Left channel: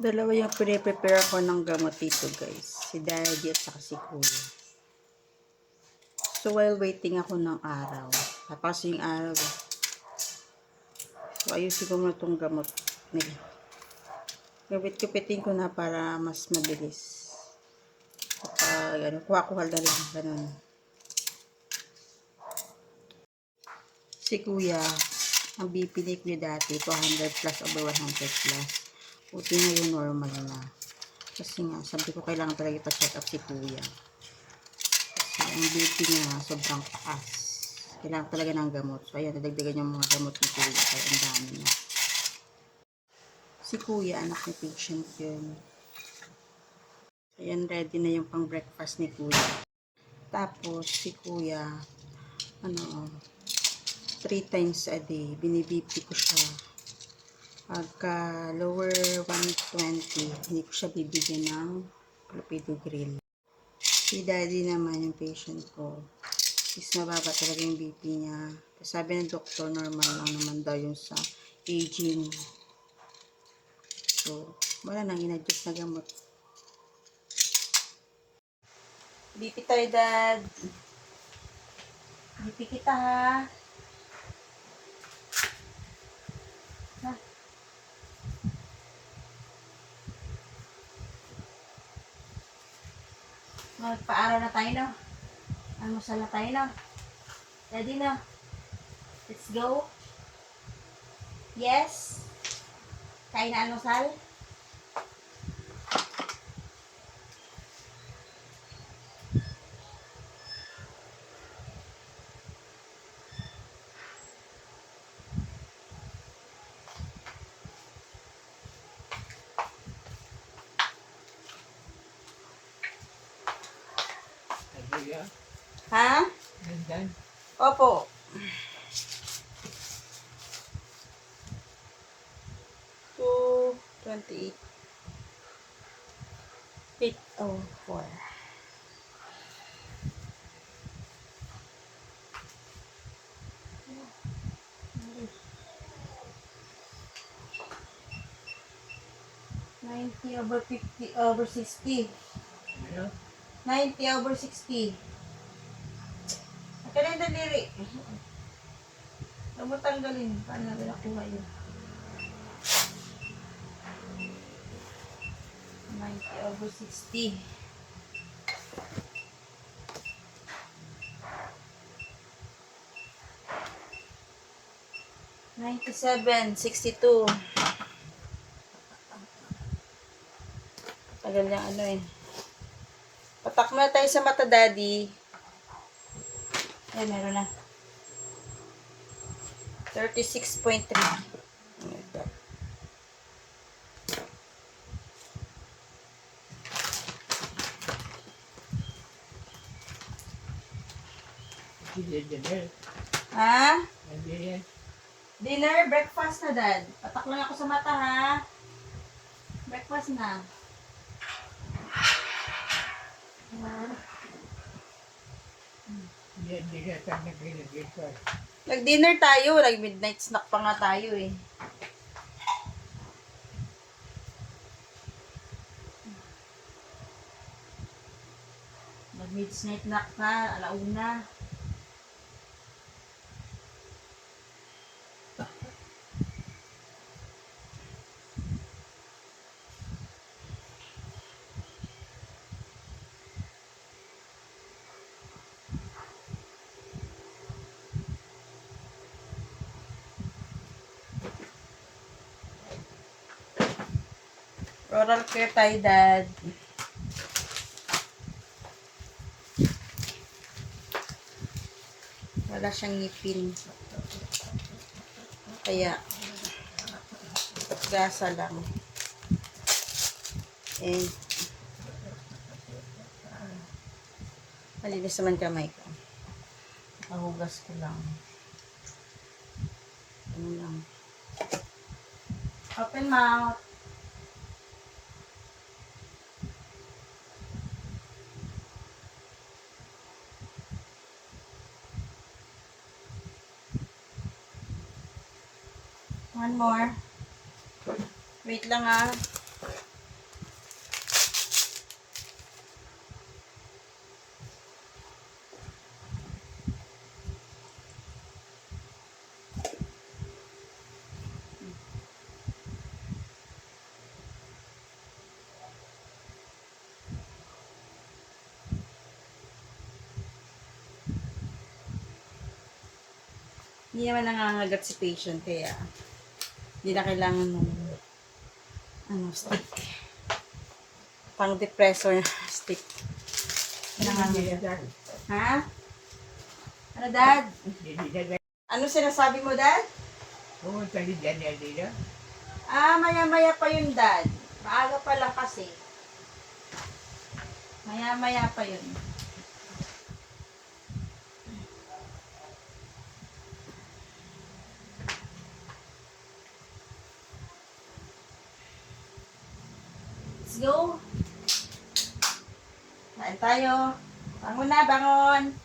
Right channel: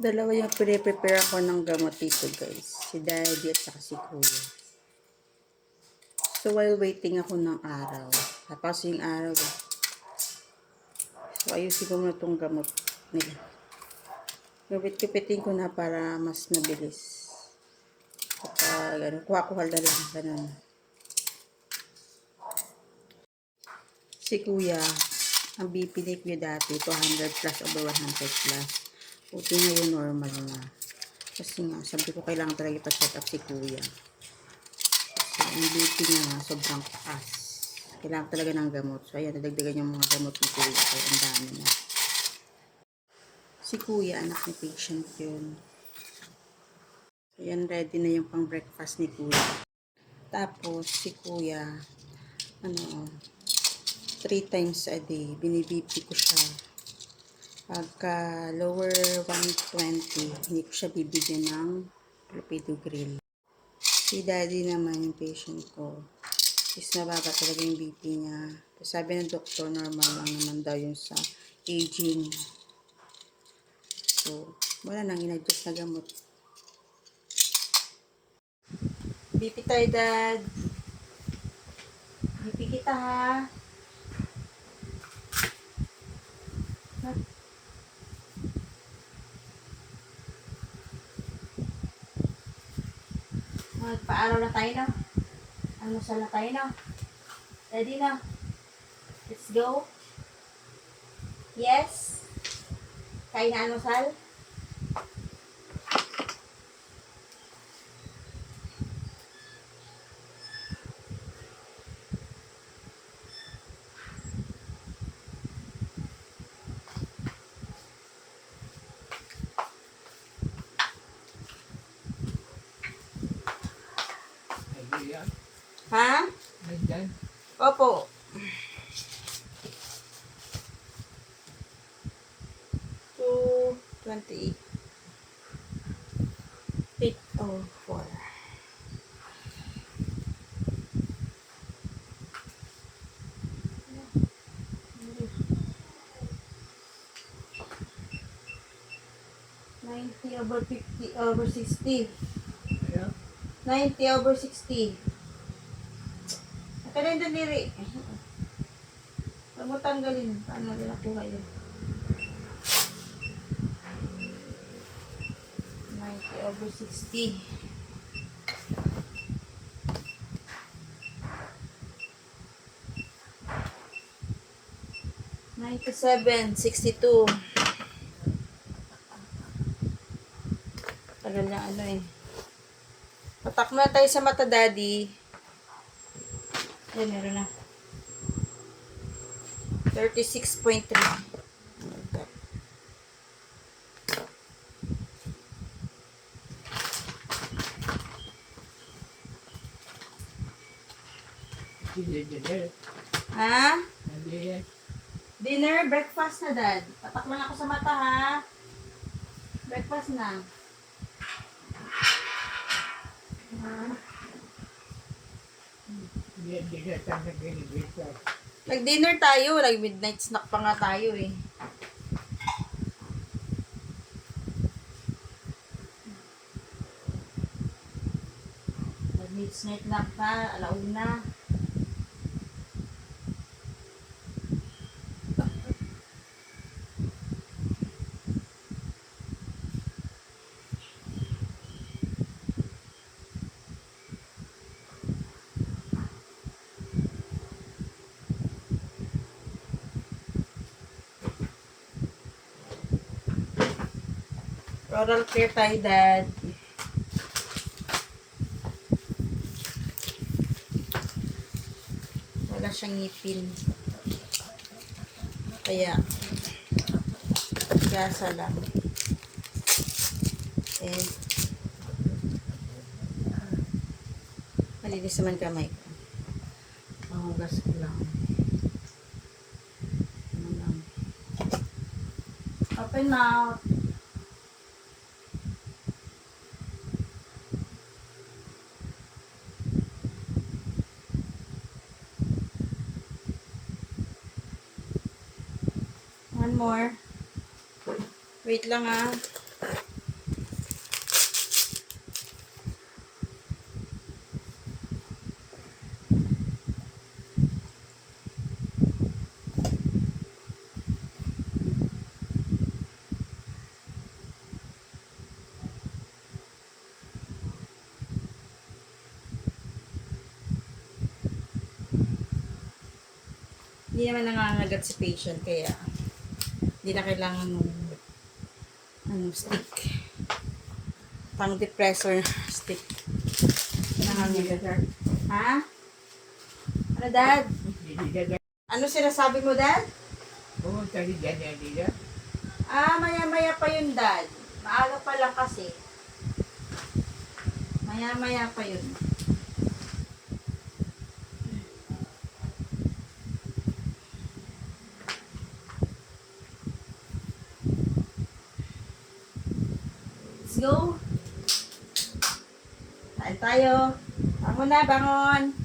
Dalawa yung piniprepare ko ng gamot dito guys. Si Daddy at saka si Kuya. So while waiting ako ng araw. Tapos yung araw. So ayusin ko muna itong gamot nila. Gupit-gupitin ko na para mas mabilis. Kapag kuha-kuha na lang. Ganun. Si Kuya, ang BP ni Kuya dati, 200 plus over 100 plus. Buti ngayon normal na. Kasi nga, sabi ko kailangan talaga ipa-check up si Kuya. Kasi ang BP niya nga, sobrang taas. Kailangan talaga ng gamot. So, ayan, nadagdagan yung mga gamot ni Kuya. Kaya ang dami niya. Si Kuya, anak ni patient yun. Ayan, ready na yung pang breakfast ni Kuya. Tapos, si Kuya, 3 times a day, binibp ko siya. Pagka lower 120, hindi ko siya bibigyan ng clopidogrel. Si Daddy naman, yung patient ko, is mababa talaga yung BP niya. Sabi ng doktor, normal lang naman daw yung sa aging. So, wala nang in-adjust na gamot. BP tayo, Dad. BP kita, ha? Magpaaraw na tayo, no? Almusal na tayo, no? Ready na? Let's go. Yes? Kain na almusal? Ha? Opo. Two 28. 804. Over 50 over 60. 90 over 60. Kaya yung daliri. Huwag mo tanggalin. Paano natin nakuha yun? 90 over 60. 97, 62. Tagal na ano eh. Patak na tayo sa mata, Daddy. Ay, meron na. 36.3. Oh my God. Ha? Dinner, breakfast na, Dad. Patak lang ako sa mata, ha? Breakfast na. Nag-dinner tayo. Nag-midnight snack pa nga tayo, eh. Nag-midnight snack pa. Alauna. Oral care tayo, Dad. Wala siyang ngipin. Kaya, gasa lang. Eh, malinis naman kamay ko. Mahugas ko lang. Ano lang. Open mouth. One more. Wait lang, ah. Hindi naman nangangagat si patient, kaya hindi na kailangan ng stick. Pang depressor stick. Nangangagat. Ha? Ano, Dad? Ano sinasabi mo, Dad? Maya-maya pa yun, Dad. Maaga pa lang kasi. Maya-maya pa yun. Let's go. Kain tayo. Bangon na, bangon.